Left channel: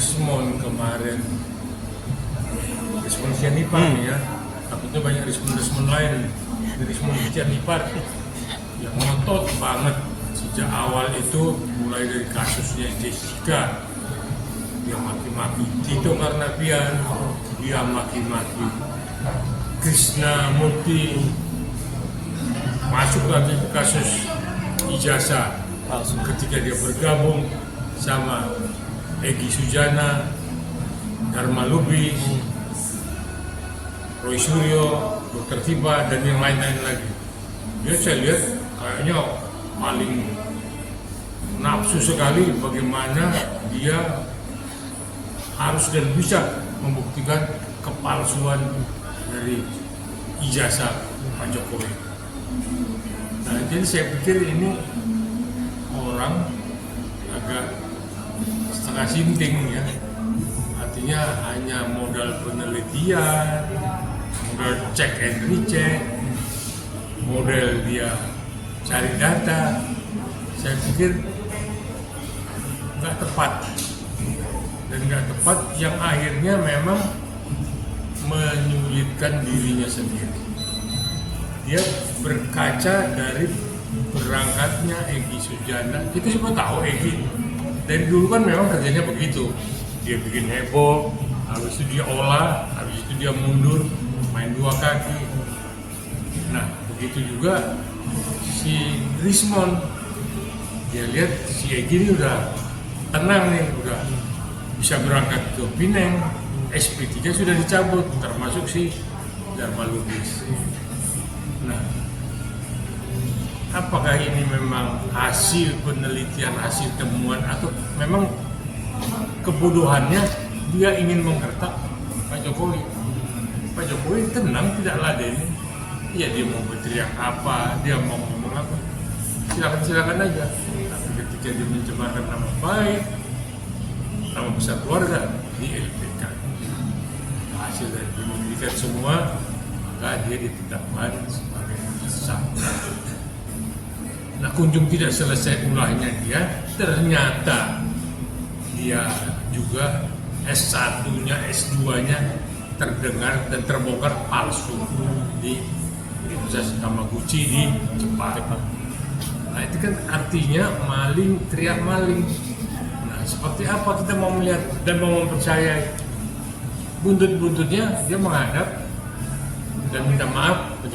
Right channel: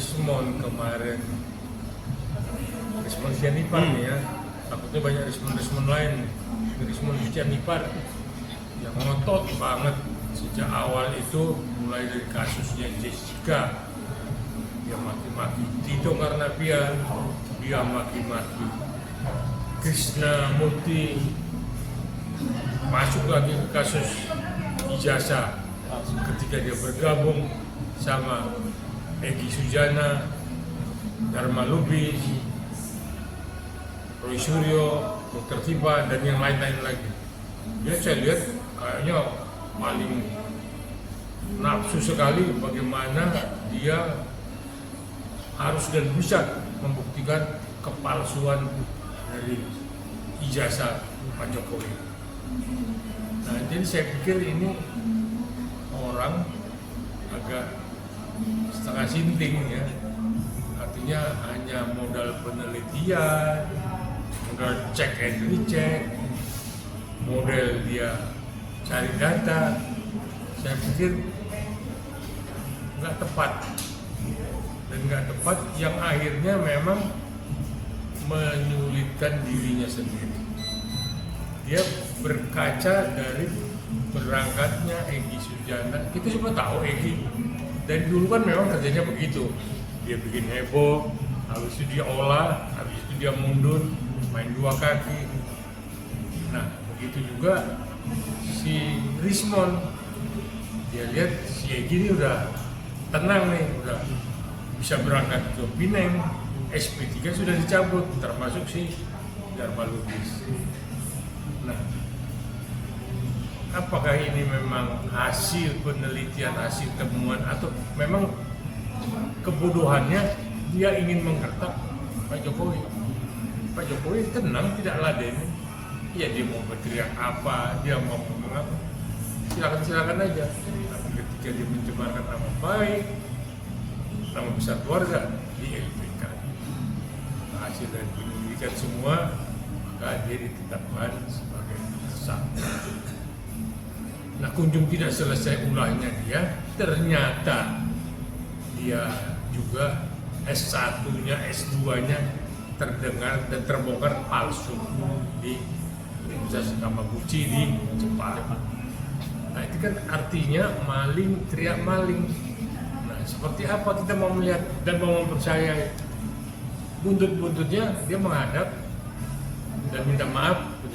Rismond kemarin, Rismond Sianipar ya, takutnya banyak Rismond lain, Rismond Sianipar yang ngotot banget sejak awal itu, mulai dari kasusnya Jessica, dia maki-maki Tito Karnavian, dia maki-maki Krishna Murthy, masuk lagi ke kasus ijazah ketika dia bergabung sama Egy Sujana, Dharma Lubi, Roy Suryo, Dr. Tiba, dan yang lain-lain lagi. Dia saya lihat kayaknya paling nafsu sekali bagaimana dia harus dan bisa membuktikan kepalsuan dari ijazah Pak Jokowi. Nah, jadi saya pikir ini orang agak setengah sinting ya, artinya hanya modal penelitian, modal cek and recheck, model dia cari data. Saya pikir nggak tepat, dan nggak tepat yang akhirnya memang menyulitkan dirinya sendiri. Dia berkaca dari berangkatnya Egy Sujana. Kita semua tahu Egy dari dulu kan memang kerjanya begitu, dia bikin heboh, habis itu dia olah, habis itu dia mundur, main dua kaki. Nah begitu juga si Rismond, dia lihat si Egy ini udah tenang nih, udah bisa berangkat ke Pineng, SP3 sudah dicabut, termasuk si Dharma Lubis. Nah, apakah ini memang hasil penelitian, hasil temuan, atau memang kebodohannya dia ingin menggertak Pak Jokowi? Pak Jokowi tenang, tidak laden. Ya dia mau berteriak apa, dia mau ngomong apa, silakan aja. Tapi ketika dia mencemarkan nama baik, nama besar keluarga di LPK, hasil dari penyelidikan semua, maka dia ditetapkan sebagai tersangka. Nah, kunjung tidak selesai ulahnya dia, ternyata dia juga S1-nya, S2-nya terdengar dan terbongkar palsu di Universitas Kamaguchi di Jepang. Nah, itu kan artinya maling teriak maling. Nah, seperti apa kita mau melihat dan mau mempercayai? Buntut-buntutnya dia menghadap dan minta maaf ke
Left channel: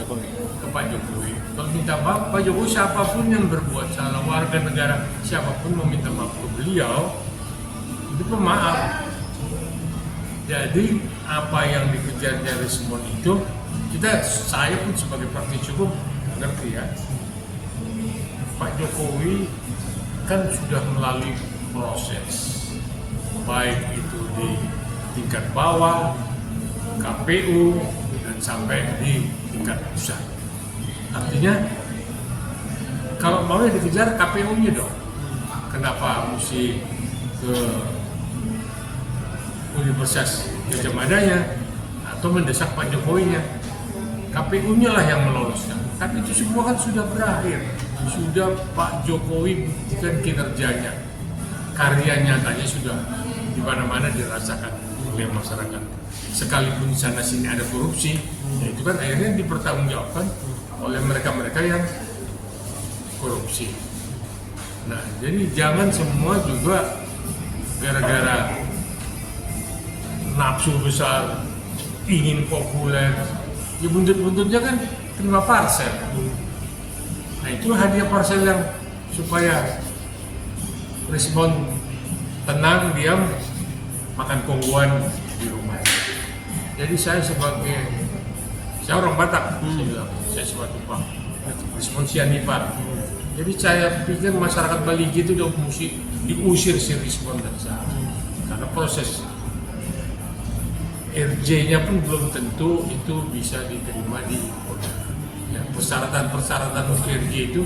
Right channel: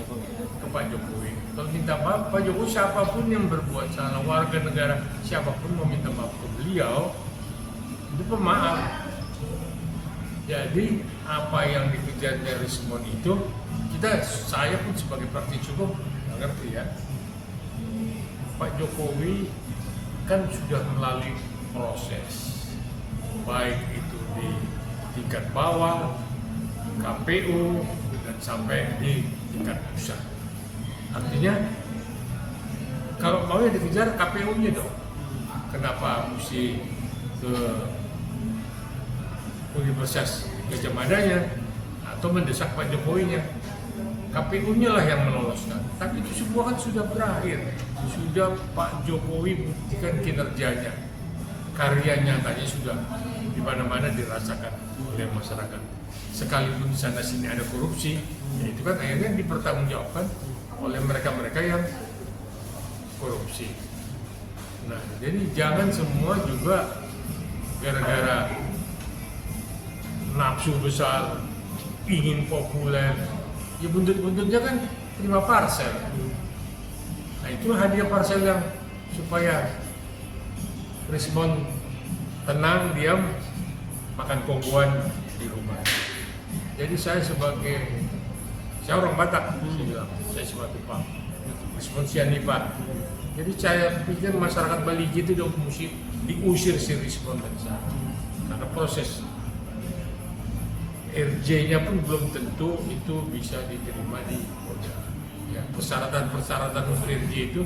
Pak Jokowi. Kalau minta maaf, Pak Jokowi siapapun yang berbuat salah, warga negara siapapun mau minta maaf ke beliau, itu pemaaf. Jadi apa yang dikejar dari Rismond itu, saya pun sebagai praktik hukum ngerti ya. Pak Jokowi kan sudah melalui proses, baik itu di tingkat bawah, KPU, dan sampai di tingkat pusat. Artinya kalau mau dikejar KPU-nya dong, kenapa mesti ke Universitas Gadjah Madanya atau mendesak Pak Jokowinya? KPU-nya lah yang meloloskan. Tapi itu semua kan sudah berakhir, sudah Pak Jokowi buktikan kinerjanya, karya nyatanya sudah di mana-mana dirasakan oleh masyarakat. Sekalipun di sana sini ada korupsi, ya itu kan akhirnya dipertanggungjawabkan oleh mereka-mereka yang korupsi. Nah, jadi jangan semua juga gara-gara nafsu besar, ingin populer, ya buntut-buntutnya kan terima parsel. Nah, itu hadiah parsel yang supaya Rismond tenang, diam, makan kongguan di rumah. Jadi saya orang Batak, saya sebagai Pak Rismond Sianipar. Jadi saya pikir masyarakat Bali itu udah mesti diusir si Rismond dari sana. Karena proses RJ-nya pun belum tentu itu bisa diterima di Polda. Ya, persyaratan untuk RJ itu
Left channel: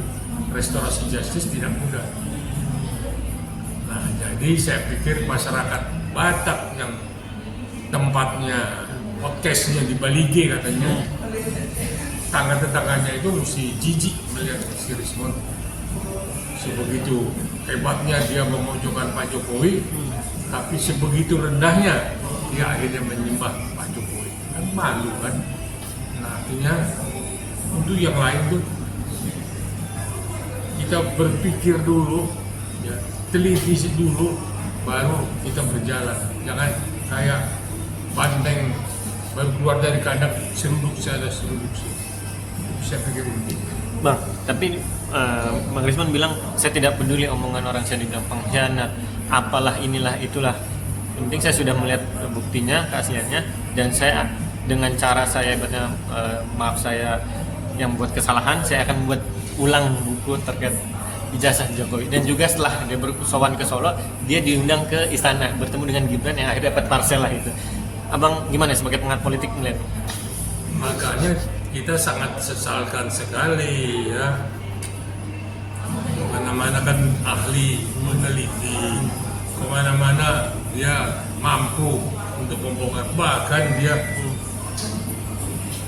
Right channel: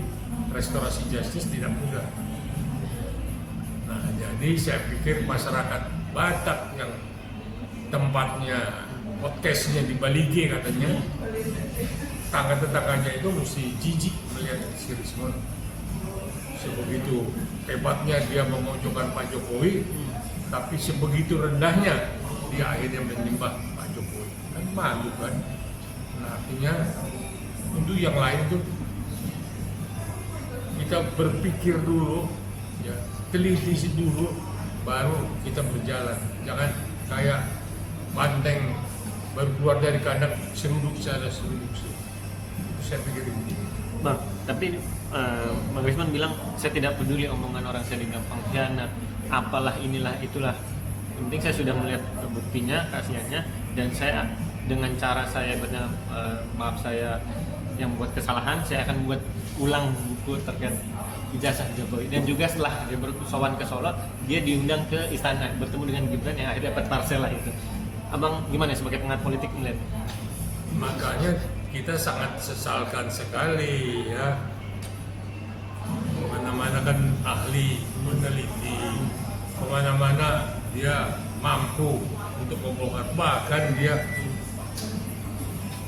restorasi justice tidak mudah. Nah, jadi saya pikir masyarakat Batak yang tempatnya podcastnya di Balige katanya, tetangga-tetangganya itu mesti jijik melihat si Rismond sebegitu hebatnya dia memojokkan Pak Jokowi, tapi sebegitu rendahnya dia akhirnya menyembah Pak Jokowi. Kan malu kan? Nah, artinya untuk yang lain tuh kita berpikir dulu, ya, televisi dulu, baru kita berjalan. Jangan kayak banteng baru keluar dari kandang seruduk saja seruduk. Saya pikir ini. Bang, tapi Bang Risman bilang saya tidak peduli omongan orang, saya dibilang pengkhianat, apalah inilah itulah. Penting saya sudah melihat buktinya, keasliannya, dan saya dengan cara saya maaf saya yang buat kesalahan, saya akan buat ulang buku terkait ijazah Jokowi. Dan juga setelah dia bersowan ke Solo, dia diundang ke istana bertemu dengan Gibran yang akhirnya dapat parsel lah itu. Abang gimana sebagai pengamat politik melihat? Makanya kita sangat sesalkan sekali ya. Kemana-mana kan ahli, meneliti, kemana-mana dia mampu untuk membongkar. Bahkan dia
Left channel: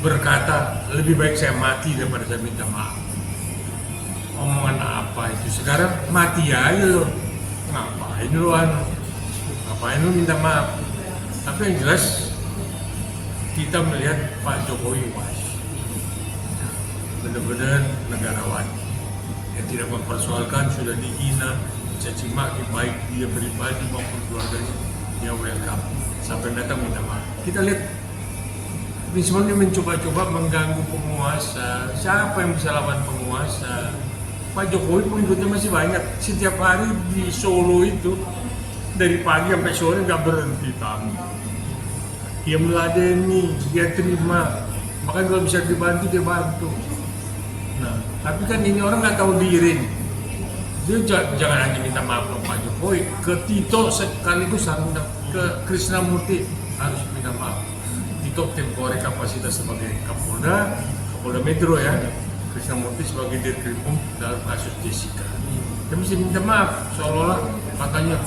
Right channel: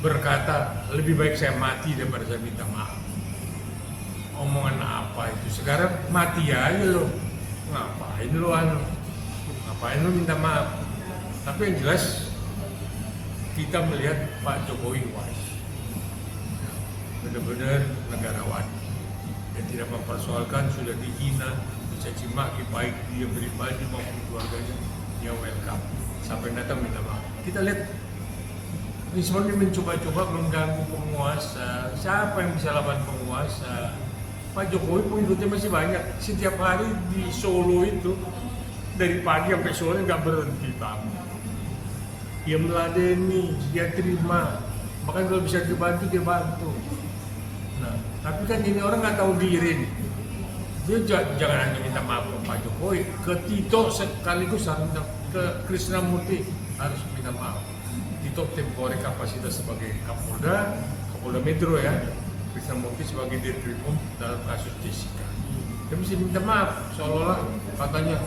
berkata, lebih baik saya mati daripada saya minta maaf. Omongan apa itu? Sekarang mati aja lo. Ngapain lo ngapain lo minta maaf? Tapi yang jelas kita melihat Pak Jokowi pas benar-benar negarawan yang tidak mempersoalkan, sudah dihina, caci maki baik dia pribadi maupun keluarganya, dia welcome sampai datang minta maaf. Kita lihat Risman dia mencoba-coba mengganggu penguasa. Siapa yang bisa lawan penguasa? Pak Jokowi pengikutnya masih banyak. Setiap hari di Solo itu dari pagi sampai sore nggak berhenti tamu. Dia meladeni, dia terima. Bahkan kalau bisa dibantu, dia bantu. Nah, tapi kan ini orang nggak tahu diri. Dia jangan hanya minta maaf ke Pak Jokowi, ke Tito sekaligus harus minta, ke Krisnamurti harus minta maaf. Tito temporer kapasitas sebagai Kapolda Metro ya, Krisnamurti sebagai Dirkrimum dalam kasus Jessica. Dia mesti minta maaf, seolah-olah katanya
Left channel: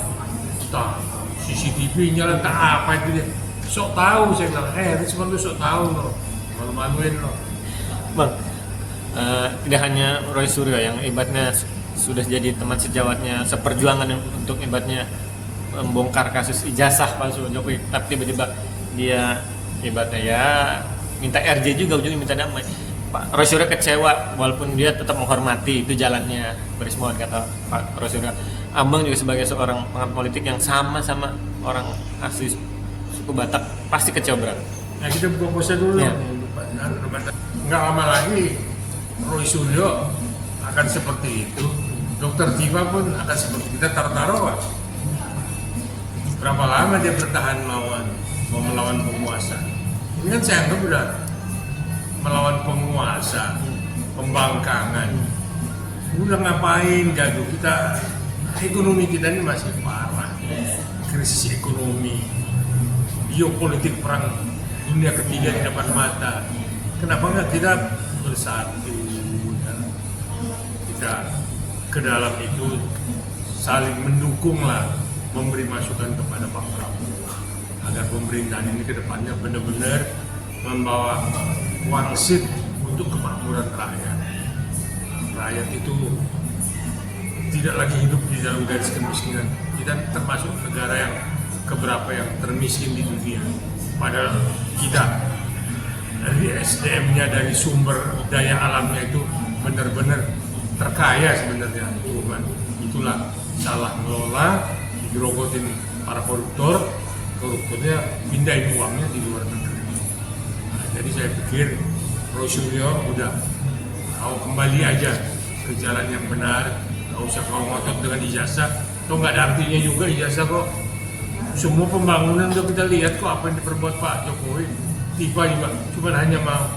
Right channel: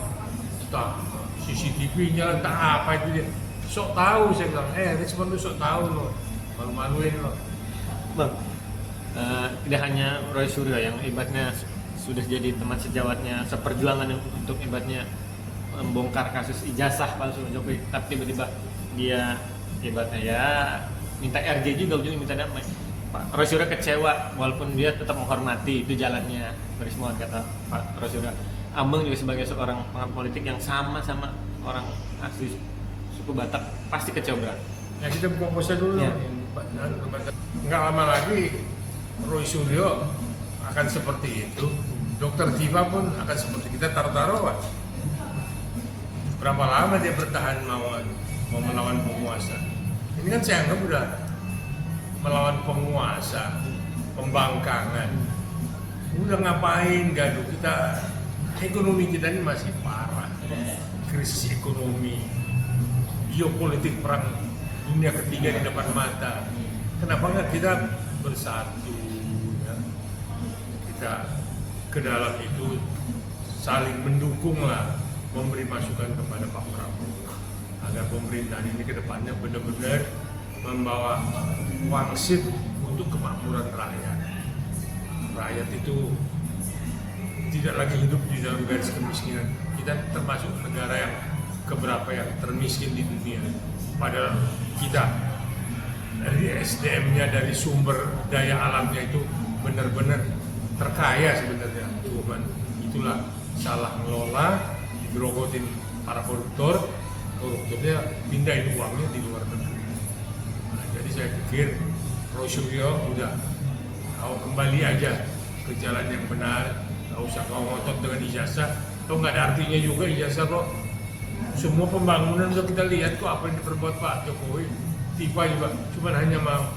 CCTV nyala tak apa itu dia. Sok tahu saya bilang, Risman lu sok tahu loh, malu-maluin loh. Bang, tidak hanya Roy Suryo yang ibaratnya sudah jadi teman sejawatnya seperjuangan untuk ibaratnya membongkar kasus ijazah palsu Jokowi, tapi tiba-tiba dia ibaratnya ya minta RJ juga, ujungnya minta damai. Pak Roy Suryo kecewa walaupun dia tetap menghormati itu jalannya Risman, kata Pak Roy Suryo. Abang juga sebagai seorang pengamat politik yang sama-sama orang asli suku Batak pasti kecewa berat. Nah, kita buka puasa dulu. Ya. Nggak lama lagi Roy Suryo akan seperti itu. Dokter Tifa pun akan seperti kita taruh Pak. Berapa lama dia bertahan melawan penguasa? Ini kan saya anggap udah melawan penguasa, pembangkangan. Udah ngapain gaduh kita? Ekonomi kita ini masih parah. Krisis ekonomi, geopolitik perang dunia ketiga di depan mata. Kenapa nggak kita bersatu? Kita ke dalam itu saling mendukung lah, memberi masukan kepada Pak Prabowo agar pemerintahan ini ke depannya benar-benar membawa wangsit untuk kemakmuran rakyat. Rakyat itu tidak lagi hidup di dalam garis kemiskinan. Kita termasuk negara yang keberapa yang termiskin di dunia. Padahal kita dari SDM-nya, dari sumber daya alamnya itu benar-benar terkaya sebenarnya. Cuman itulah salah mengelola, dirogotin para koruptornya pindahin uangnya di luar negeri. Nah, jadi saya pikir Roy Suryo udah kau kembali aja ke jalan yang benar, nggak usah kau ngotot dengan ijazah. Atau nggak ada artinya juga ijazah kok. Semua pembangunan udah kita lihat kok apa yang diperbuat Pak Jokowi. Tiba-tiba cuma hanya mau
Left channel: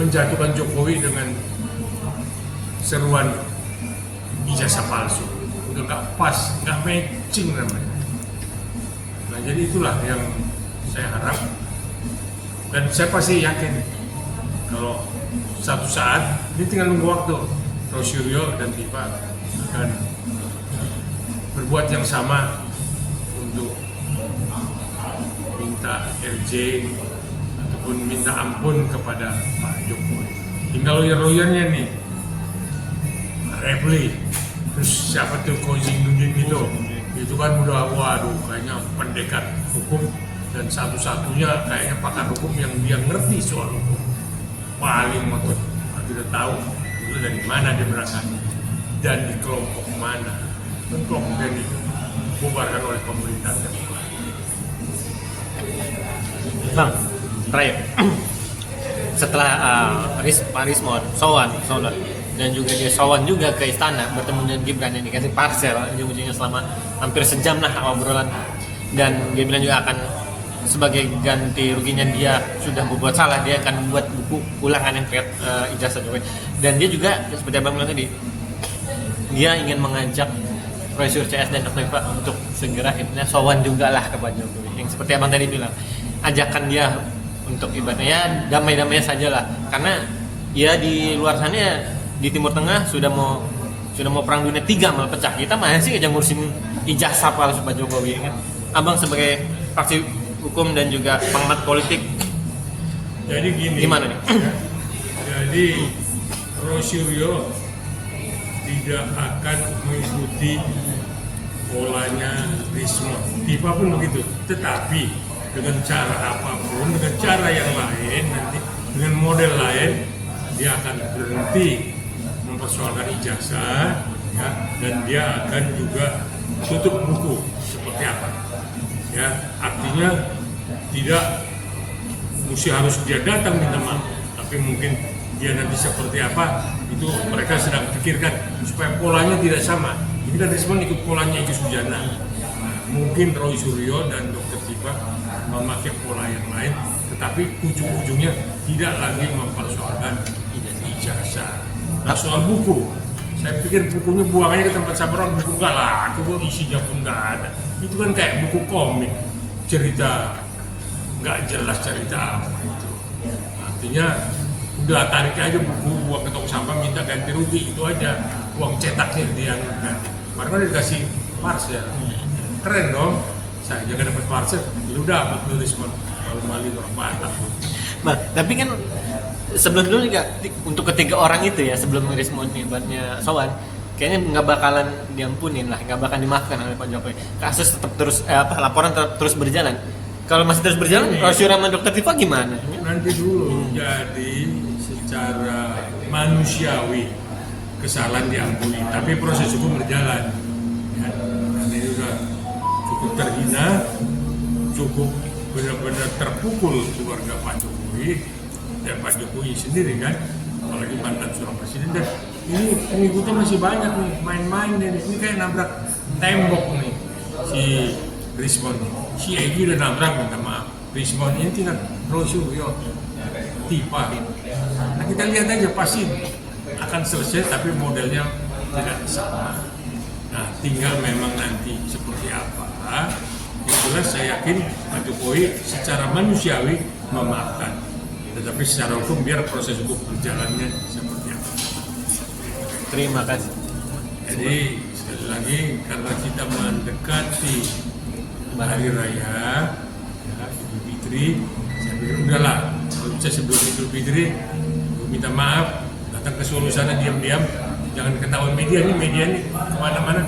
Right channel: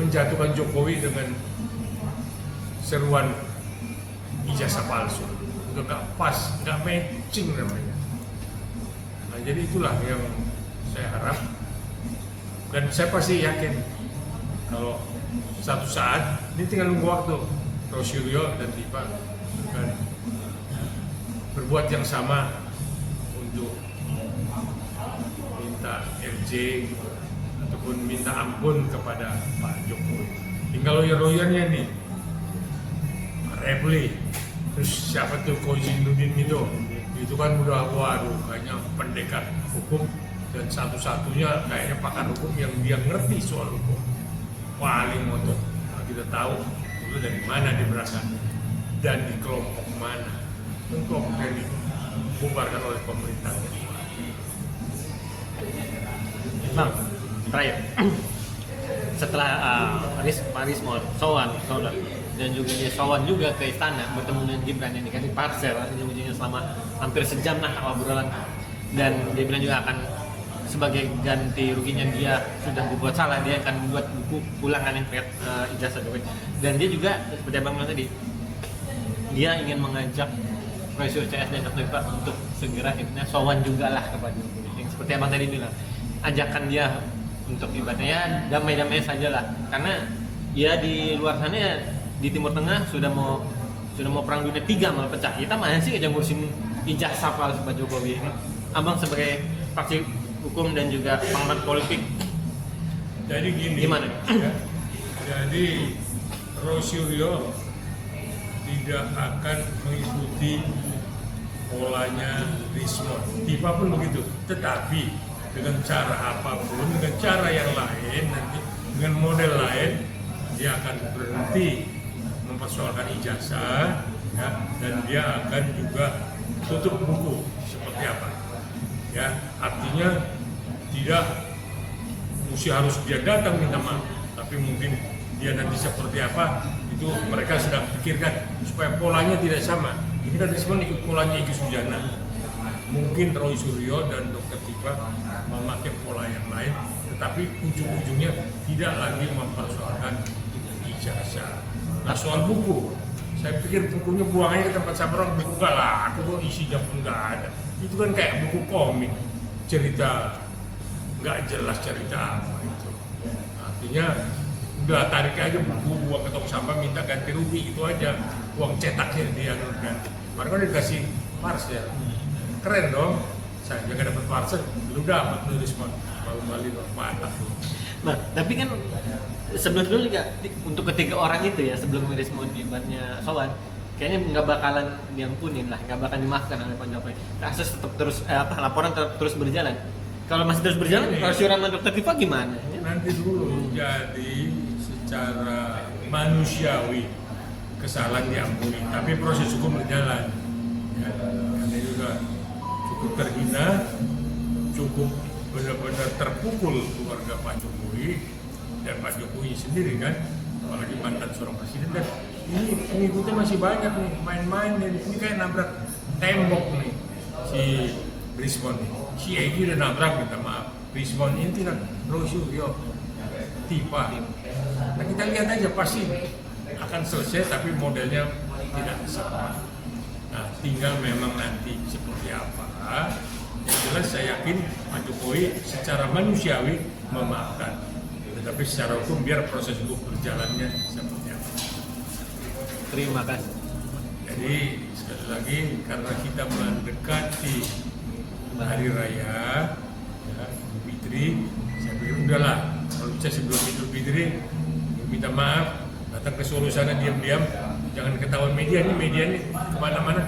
menjatuhkan Jokowi dengan seruan ijazah palsu. Udah nggak pas, nggak matching namanya. Nah, jadi itulah yang saya harap, dan saya pasti yakin kalau satu saat dia tinggal nunggu waktu, Roy Suryo dan Tifa akan berbuat yang sama untuk minta RJ ataupun minta ampun kepada Pak Jokowi. Tinggal lawyer-lawyernya nih, Pak Refli, Terus siapa tuh Koizumi itu kan udah waduh kayaknya pendekat hukum dan satu-satunya kayaknya pakar hukum yang dia ngerti soal hukum paling motor. Kita tahu itu dari mana dia berasal dan di kelompok mana, dan kelompok yang dibubarkan oleh pemerintah. Bang, terakhir setelah Pak Rismon sowan dan juga dia sowan juga ke istana bertemu dengan Gibran yang dikasih parcel ujung-ujungnya selama hampir sejam lah obrolan, dan dia bilang juga akan sebagai ganti ruginya dia sudah berbuat salah, dia akan buat buku ulangan yang terkait ijazah Jokowi. Dan dia juga seperti abang bilang tadi, dia ingin mengajak Profesor CS dan Dr. Iva untuk segera akhirnya sowan juga lah kepada Jokowi, yang seperti abang tadi bilang, ajakan dia untuk ibaratnya ya damai-damai saja lah, karena ya di luar sana di Timur Tengah sudah mau perang dunia 3 malah pecah, kita masih aja ngurusin ijazah palsu Pak Jokowi kan. Abang sebagai praktisi hukum dan juga pengamat politik, jadi gini, gimana nih? Jadi Rosuryo tidak akan mengikuti polanya Rismon, Tifa pun begitu, tetapi dengan cara apapun, dengan cara yang lain, dengan model lain, dia akan berhenti mempersoalkan ijazah, ya, dan dia akan juga tutup buku seperti apa, ya, artinya tidak mesti harus dia datang minta maaf, tapi mungkin dia nanti seperti apa itu mereka sedang pikirkan supaya polanya tidak sama. Ini kan Rismon ikut polanya Egy Sujana, mungkin Roy Suryo dan Dr. Tifa memakai pola yang lain, tetapi ujung-ujungnya tidak lagi mempersoalkan ijazah. Nah, soal buku, saya pikir bukunya buang aja ke tempat sampah, buku nggak laku kok, isinya pun nggak ada. Itu kan kayak buku komik, cerita nggak jelas cerita apa itu. Artinya udah tarik aja buku, buang ke tong sampah, minta ganti rugi, itu aja. Uang cetaknya dia kan. Karena dikasih parcel, keren dong. Saya jaga dapat parcel, lu dapat lu Rismon, kembali orang Batak. Nah, tapi kan sebelum dulu juga untuk ketiga orang itu ya, sebelum Rismon ibaratnya sowan, kayaknya nggak bakalan diampunin lah, nggak bakalan dimaafkan oleh Pak Jokowi. Kasus tetap terus laporan tetap terus berjalan. Kalau masih terus berjalan, Rosyur sama Dr. Tifa gimana? Nanti dulu, jadi secara manusiawi kesalahan diampuni, tapi proses hukum berjalan. Ya, ini udah cukup terhina, cukup benar-benar terpukul keluarga Pak Jokowi dan Pak Jokowi sendiri kan, apalagi mantan seorang presiden, dan ini pengikutnya masih banyak nih, main-main, dan ini kayak nabrak tembok nih si Rismon, si Egy udah nabrak, minta maaf, Rismon ini tidak Rosuryo Tifa. Nah kita lihat aja pasti akan selesai, tapi modelnya tidak sama. Nah tinggal memang nanti seperti apa. Yang jelas saya yakin Pak Jokowi secara manusiawi memaafkan, tetapi secara hukum biar proses hukum berjalannya seperti apa. Terima kasih. Jadi sekali lagi karena kita mendekati hari raya Idul Fitri, saya pikir udahlah, kalau bisa sebelum Idul Fitri minta maaf, datang ke Solo sana diam-diam, jangan ketahuan media ini kemana-mana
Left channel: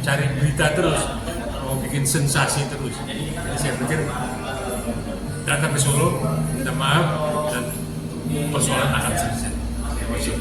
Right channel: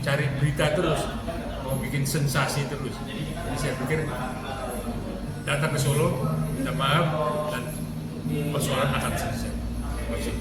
cari berita terus, mau bikin sensasi terus. Jadi saya pikir datang ke Solo, minta maaf, dan persoalan akan selesai. Terima kasih.